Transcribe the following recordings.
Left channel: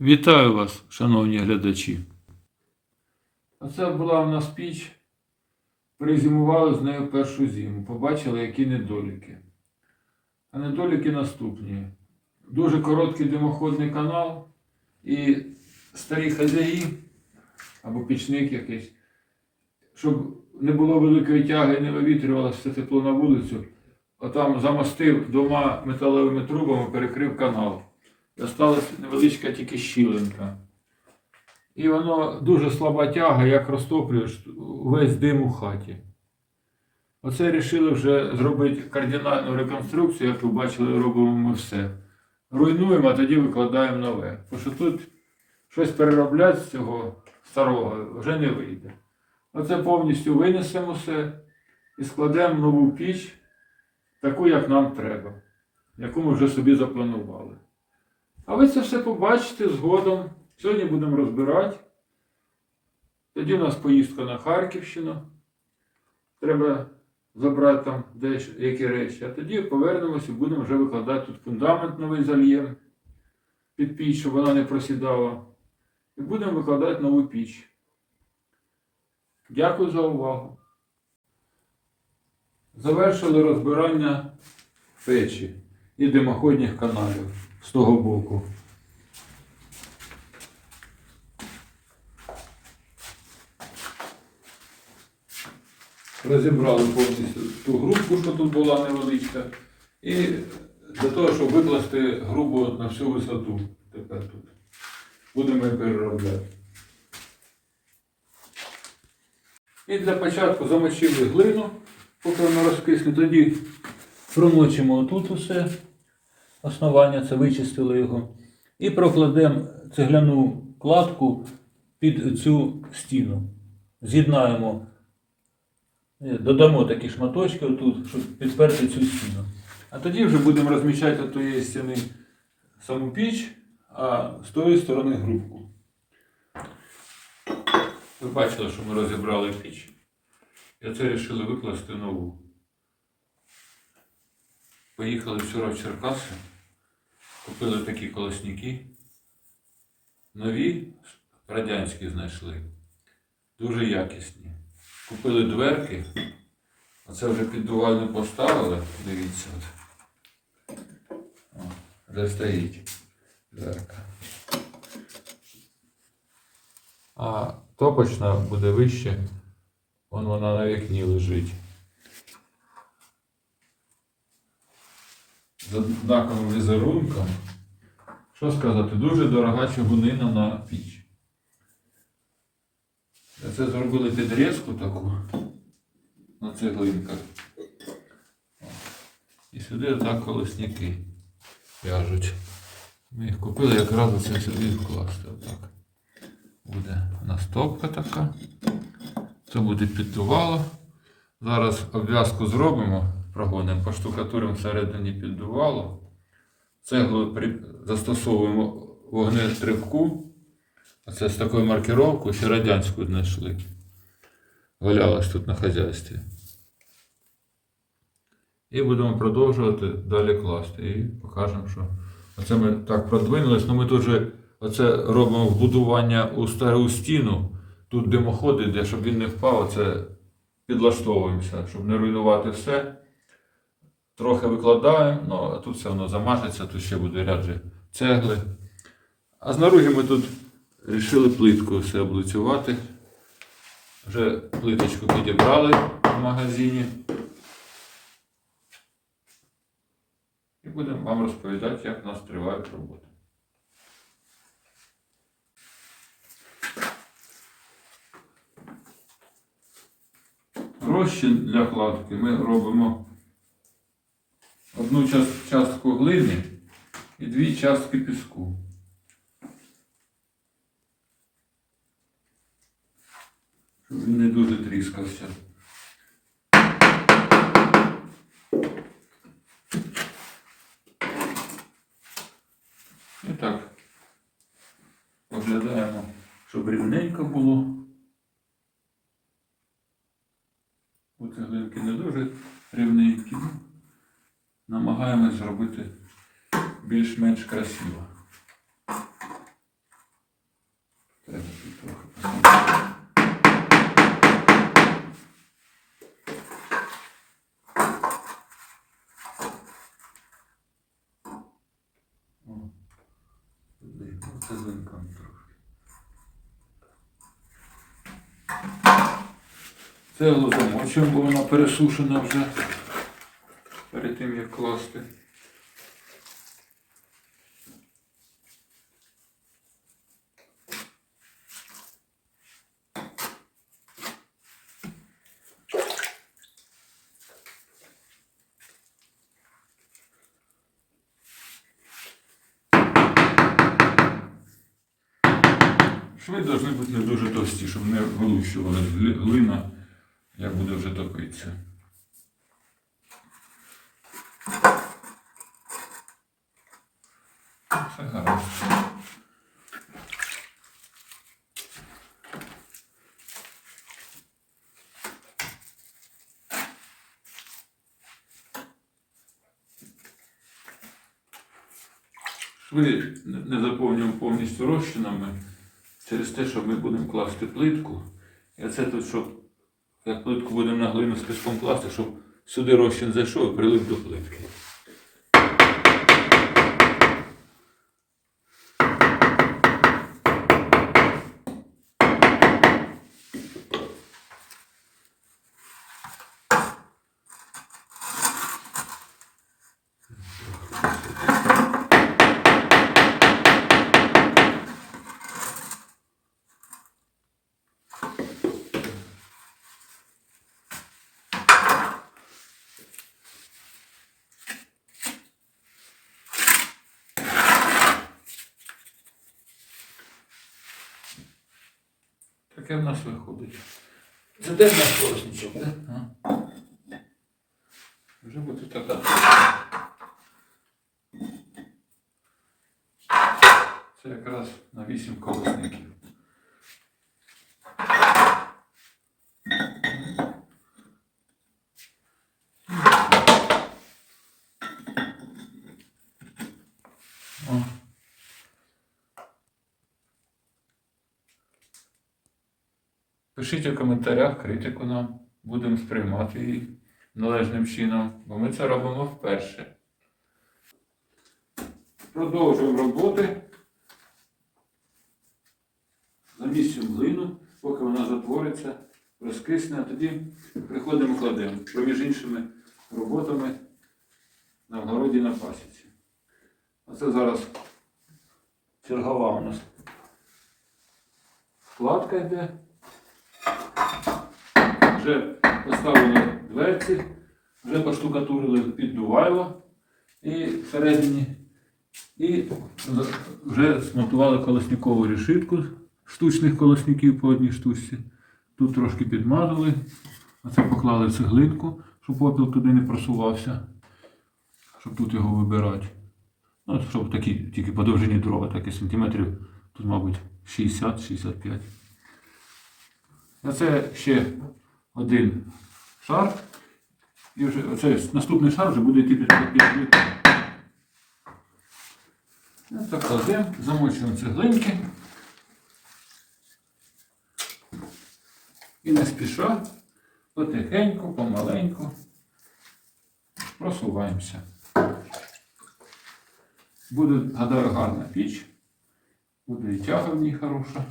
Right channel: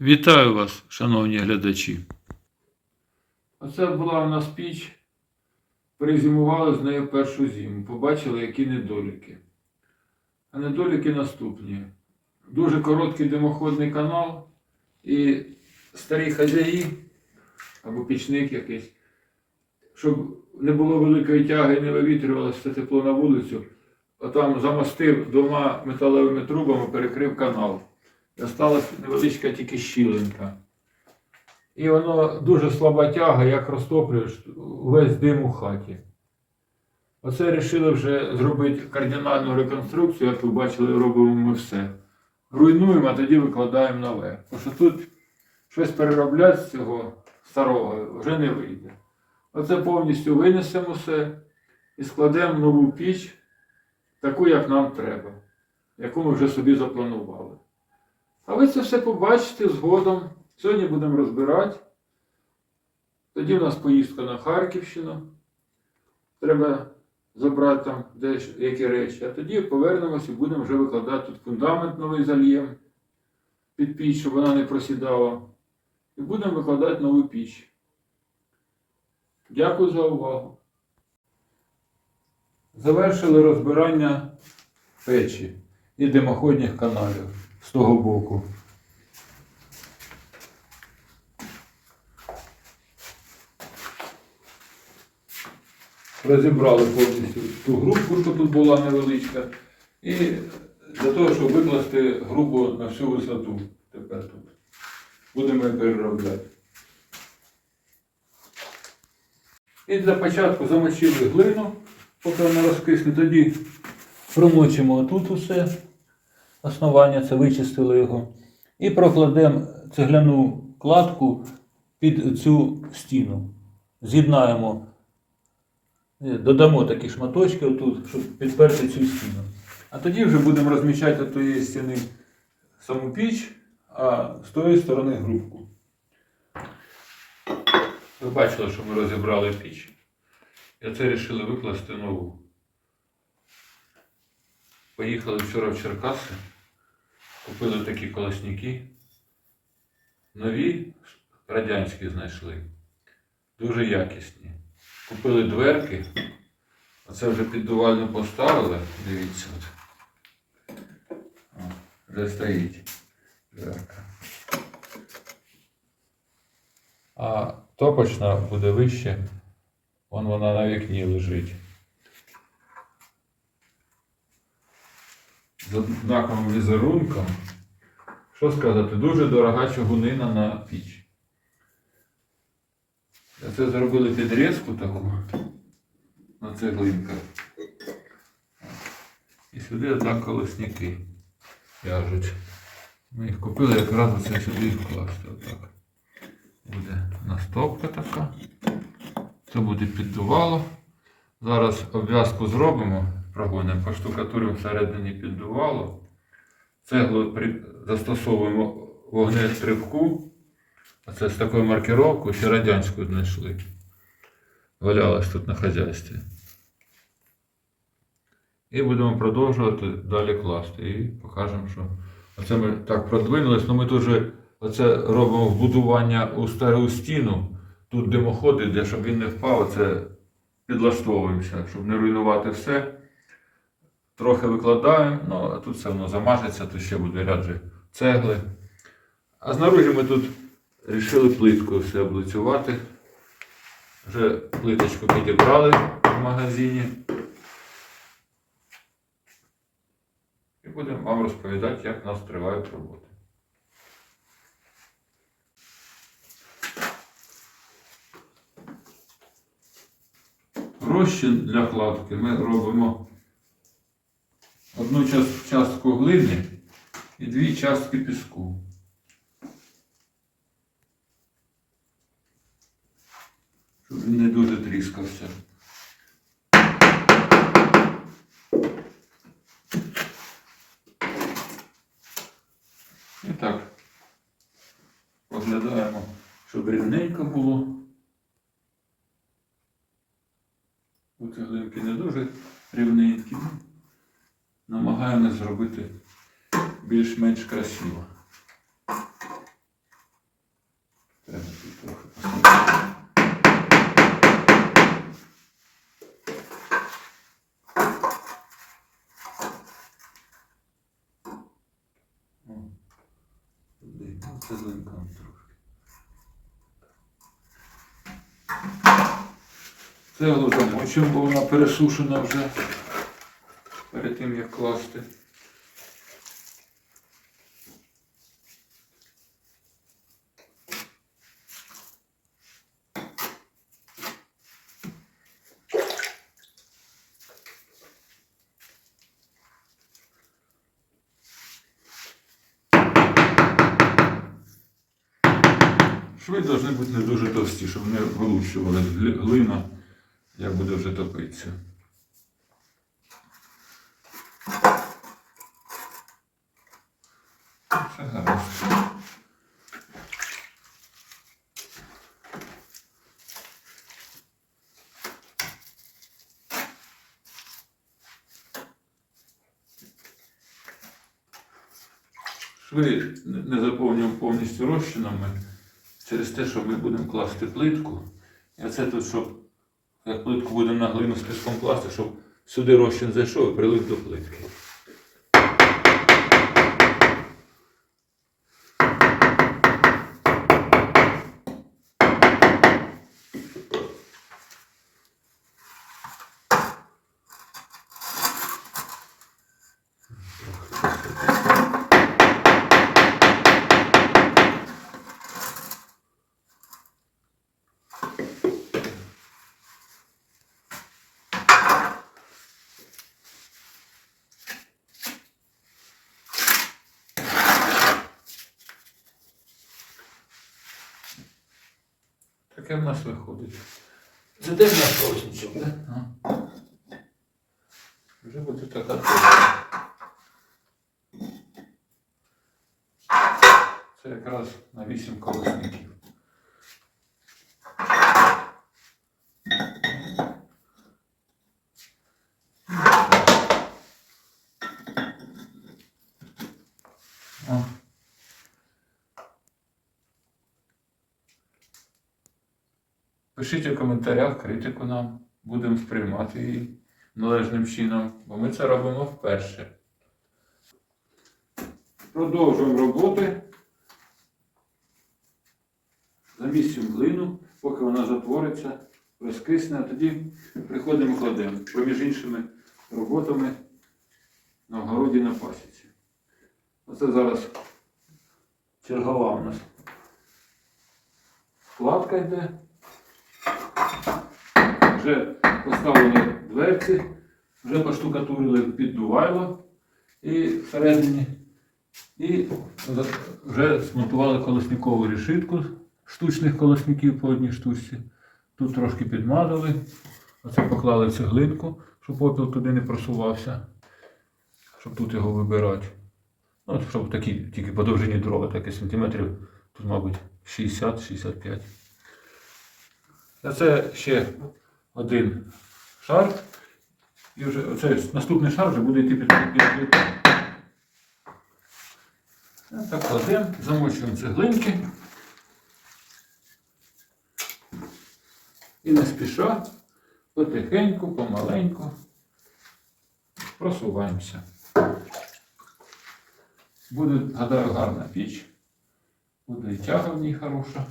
Вітаю вас, шановні глядачі. Оце була в нас піч. Перезимували з нею першу зиму. Побачили, які недоліки. А недоліки наступні. Дуже короткий димоходний канал і старі хазяї або пічник якийсь, щоб не було великої тяги, не вивітрювалося це тепло на вулицю, отам замостив двома металевими трубами, перекрив канал. Осталась невеличка тільки щілинка. І воно дуже слаба тяга, як розтоплюєш весь дим у хаті. Оце вирішили вже зробити кардинальну реконструкцію, як ви бачили, робимо ми все. Руйнуємо, а тоді викладаємо нове. Тому що тут щось переробляти з цього старого вже не вийде. Оце повністю винесемо все і складемо нову піч, таку, як нам треба, яку ми вже собі запланували. А ви це все побачите згодом. Сьогодні будемо розбирати. Тоді у нас поїздка на Харківщину. Треба забрати там деякі речі. А тоді повернемося і будемо вже викладати тут фундамент новий зальєм під піч, щоб вона не просідала. І будемо викладати нову піч. Дякую за увагу. Завершили розбирання печі і димоходних каналів з того боку. Розібрали повністю ту групу, що тут була невеличка, і для того, щоб викласти грубо на всю висоту. Тепер тут. Будемо переробляти. І для початку замочили глину, поки вона розкисне. Тоді промочимо отут усе основання, це вичистили його. І прокладемо цегляну кладку під цю стіну. З'єднаємо, е, додамо такі шматочки отут, щоб підперти цю стіну. А тоді вже будемо розміщати з тієї стіни саму піч, а з тої сторони грубку. Ви бачили, що ми розібрали піч. І це вирішили викласти нову. Поїхали вчора в Черкаси, купили такі колосники. Нові, радянські знайшли. Дуже якісні. Купили дверки. Оце вже піддувально поставили. Дивіться. О, вже стоїть дверка. А топочна буде вище. Вон вона на вікні лежить. З однаковим візерунком. Що сказати, дуже дорога чугунина на піч. Це зробили підрізку таку на цеглинках. І сюди отак колосники в'яжуть. Ми їх купили якраз оце сюди вкласти. Отак. Буде настопка така. Це буде піддувало. Зараз обв'язку зробимо, прогонимо, поштукатуримо всередині піддувало. Цеглу застосовуємо вогнетривку. Оце з такою маркировкою, ще радянську знайшли. Валялась тут на хазяйстві. І будемо продовжувати далі класти. І покажемо, що оце ми так продвинулись. Ну ми дуже оце робимо вбудування у стару стіну. Тут димоход іде, щоб він не впав, оце підлаштовуємося, щоб не руйнувати все. Трохи викладаємо, ну а тут все одно замажеться, тут ще буде ряд же цегли. А знаружі ми тут вирішили плиткою все облицювати. Вже плиточку підібрали в магазині. І будемо вам розповідати, як у нас тривають роботи. Розчин для кладки ми робимо одну частку глини і дві частки піску. Щоб він не дуже тріскався. І так. Оглядаємо, щоб рівненько було. У цеглинки не дуже рівненькі намагаємось зробити більш-менш красиво. Треба тут трохи поставити. Ну, це линкам. Це замочимо, бо вона пересушена вже перед тим як класти. Шви повинні бути не дуже товсті, щоб не вилущували глина, як буде вже топитися. Все гаразд. Шви не заповнюємо повністю розчинами через те, що ми будемо класти плитку. І оце тут, щоб як плитку будемо на глину з піском класти, щоб сюди розчин зайшов і прилип до плитки. Таке в нас виходить. Це де в нас розничок, так? Вже буде така. Це якраз на 8 колесників. О. Пишіть у коментарях критику нам. Будемо сприймати її належним чином, бо ми це робимо вперше. Продовжуємо роботи. Замісимо глину, поки вона затвориться, розкисне, а тоді приходимо кладемо. Поміж іншими роботами на вгороді на пасіці. Оце зараз чергова у нас складка йде. Вже поставили дверці, вже поштукатурили піддувайло і всередині. І вже смонтували колосникову решітку штучних колосників по одній штучці. Тут трошки підмазали. Оце поклали в цеглинку, щоб попіл туди не просувався, щоб тут його вибирати. Ну, щоб такі тільки по довжині дрова, таке сантиметрів, тут, мабуть, 60-65. Це ще один шар. І вже це наступний шар вже буде йти під під. Так кладемо, замочуємо цеглинки. І не спіша, потихеньку, помаленьку просуваємося. Буде, гадаю, гарна піч. Буде і тяга в ній хороша.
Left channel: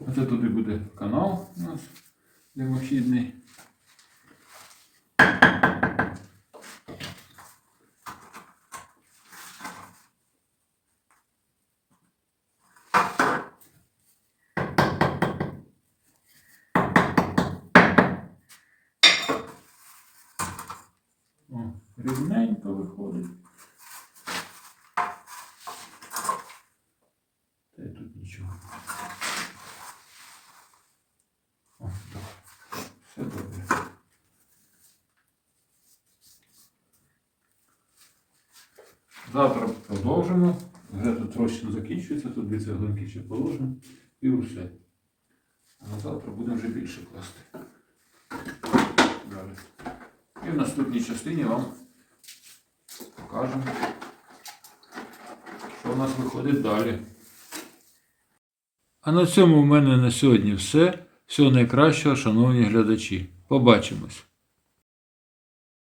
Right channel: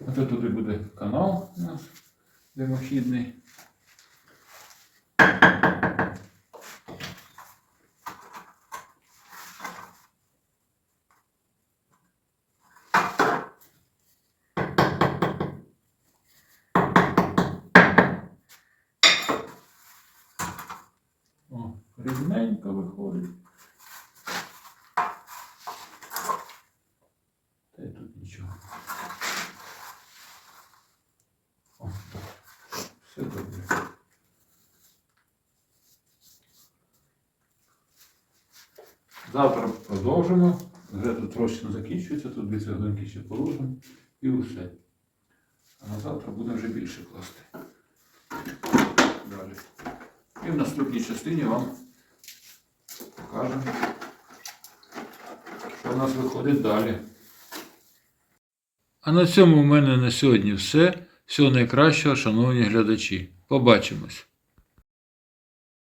Оце туди буде канал у нас димохідний. О, рівненько виходить. Та й тут нічого. О, так. Все добре. Завтра продовжимо. Вже тут розчин закінчується, тут дві цеглинки ще положимо і все. А на завтра будемо вже більше класти. Далі. І в наступній частині вам покажемо, що у нас виходить далі. А на цьому в мене на сьогодні все. Всього найкращого, шановні глядачі. Побачимось!